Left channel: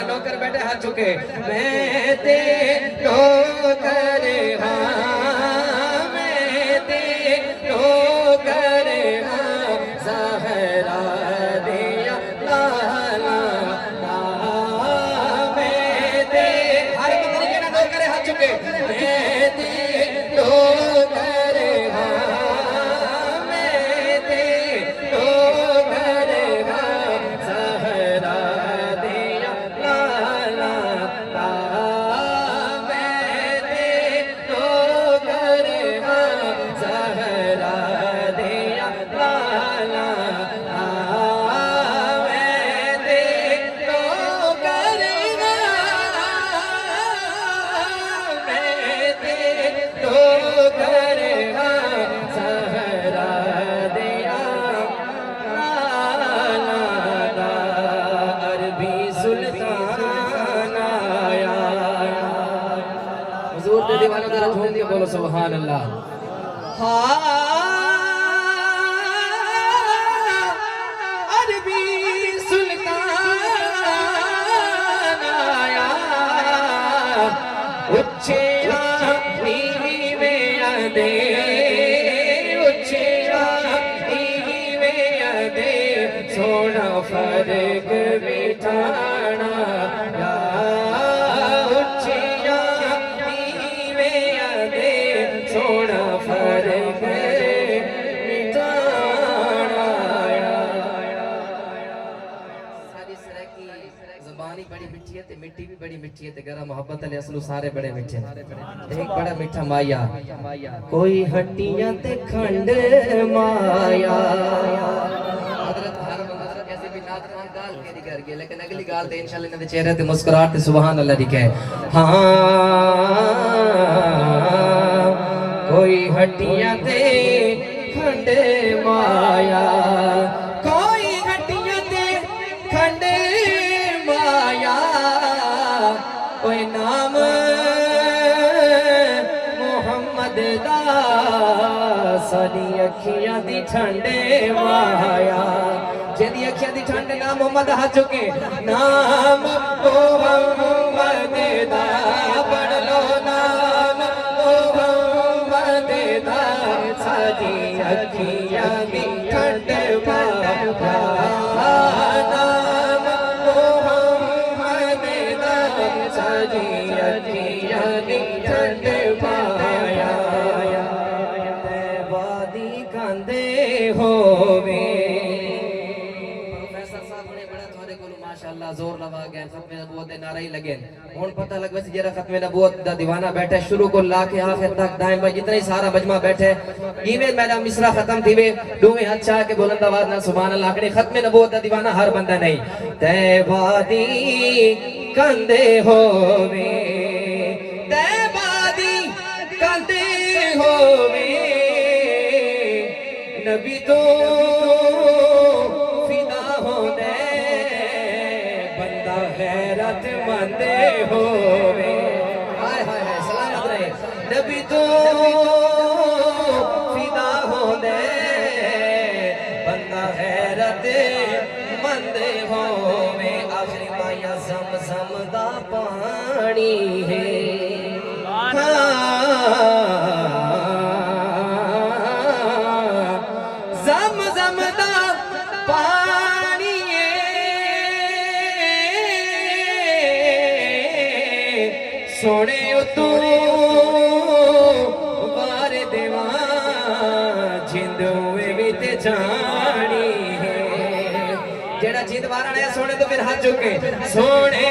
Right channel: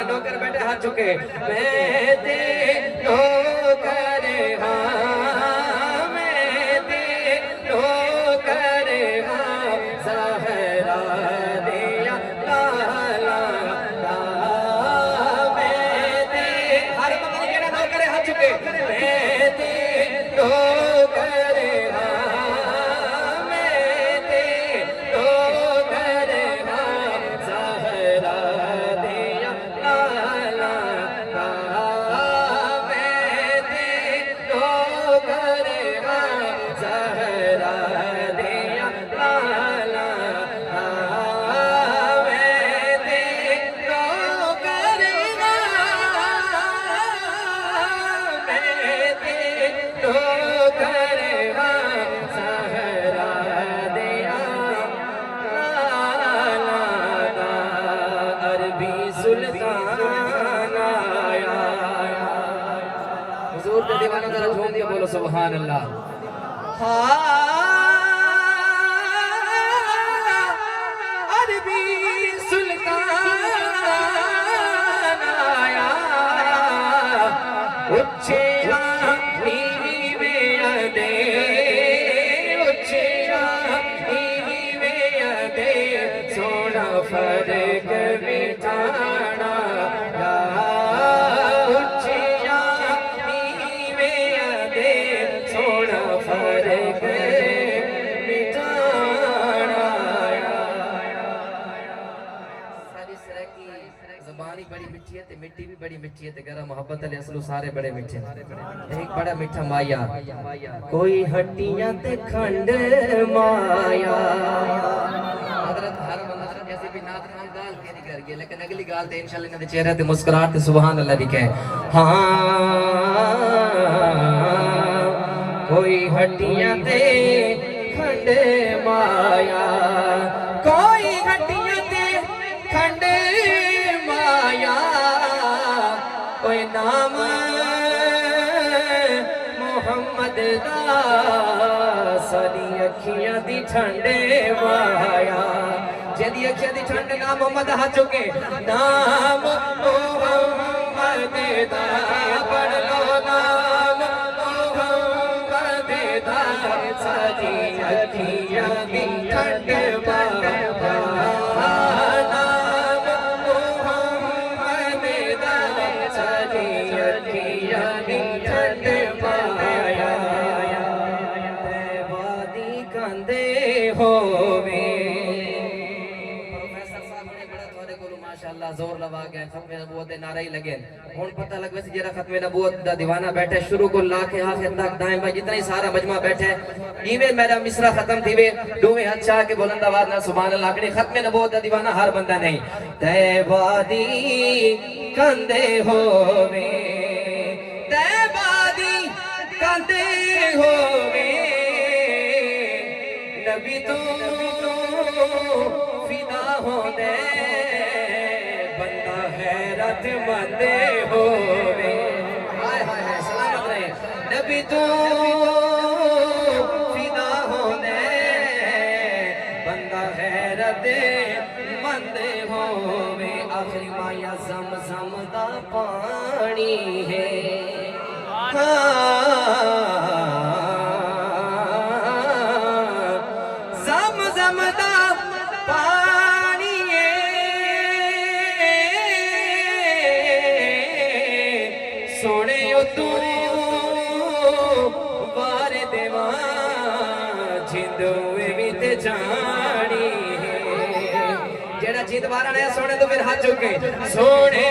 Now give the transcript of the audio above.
नौकर बैठे हाथ चुके मैं ते नौकर हाँ मैं ते नौकर हाँ ज़हरा दिया ला ला ला मैं ते हर बंदे के नौकर हाथ चुके मैं ते नौकर हाँ मैं ते नौकर हाँ ज़हरा दिया हुजूर को दीवाना जरा झूम के बोलो सुभान अल्लाह। अरबी सुल्तान आया उच्चे नीवे दे उच्चे नीवे दे सोना फर्क बिठाना ज़बानी बड़ी मिठी है ते मिट्टी भी बड़ी मिठी है ते गरा मोहब्बत अली असलू सारे बड़े मिठे एक बड़ा मिठा माया कोई हड्डियां ते खंड माया हजरत हर बंदा जैसे भी नात खान गाल के कर गया लेकिन अगली गाल ते इंशाल्लाह इनके चेहरे ते मुस्कुराहट ते सुभान अल्लाह लिखे हाँ कोई हड्डियां ते खंड माया कोई हड्डियां ते खंड माया कोई नाम मोहम्मद दा सारी अखियां दी ठंडे माया जेदी अखियां दी ठंड नाम मोहम्मद हाथ चुके नाम मोहम्मद दा पढ़ लो नाम मोहम्मद दा सारी अखियां दी ठंड माया जोर लगा गए खत्मे नबूवत दे नारे ही लगे हुन पता लग वैसे जरा खत्मे नबूवत दा दीवाना बैठे शुरू को लाके आखिर तक दाएं बाएं जितना ही सारा मजमा बैठे इवे मेरा मिसरा खत्म थीवे दोवे हाथ चाह के बुलंद आवाज ना सुभान अल्लाह आखड़ी खत्मे नबूवत दा दीवाना हर बंदा नहीं ते वादी कंदे होवे ते वादी कंदे होवे नबी तो हैरत मंदे होवे हाय हाय हाय सलामत रहे नबी तू फिदा होने बंदा हैरत मंदे होवे आखिरी माया ज़म-ज़म दा पानी है ज़म-ज़म दा पानी सोने तू वार देवा जिंदुए विच जानी है जेड़ा जिंद वारा ने सोने तो फिर हाथ चुके सोने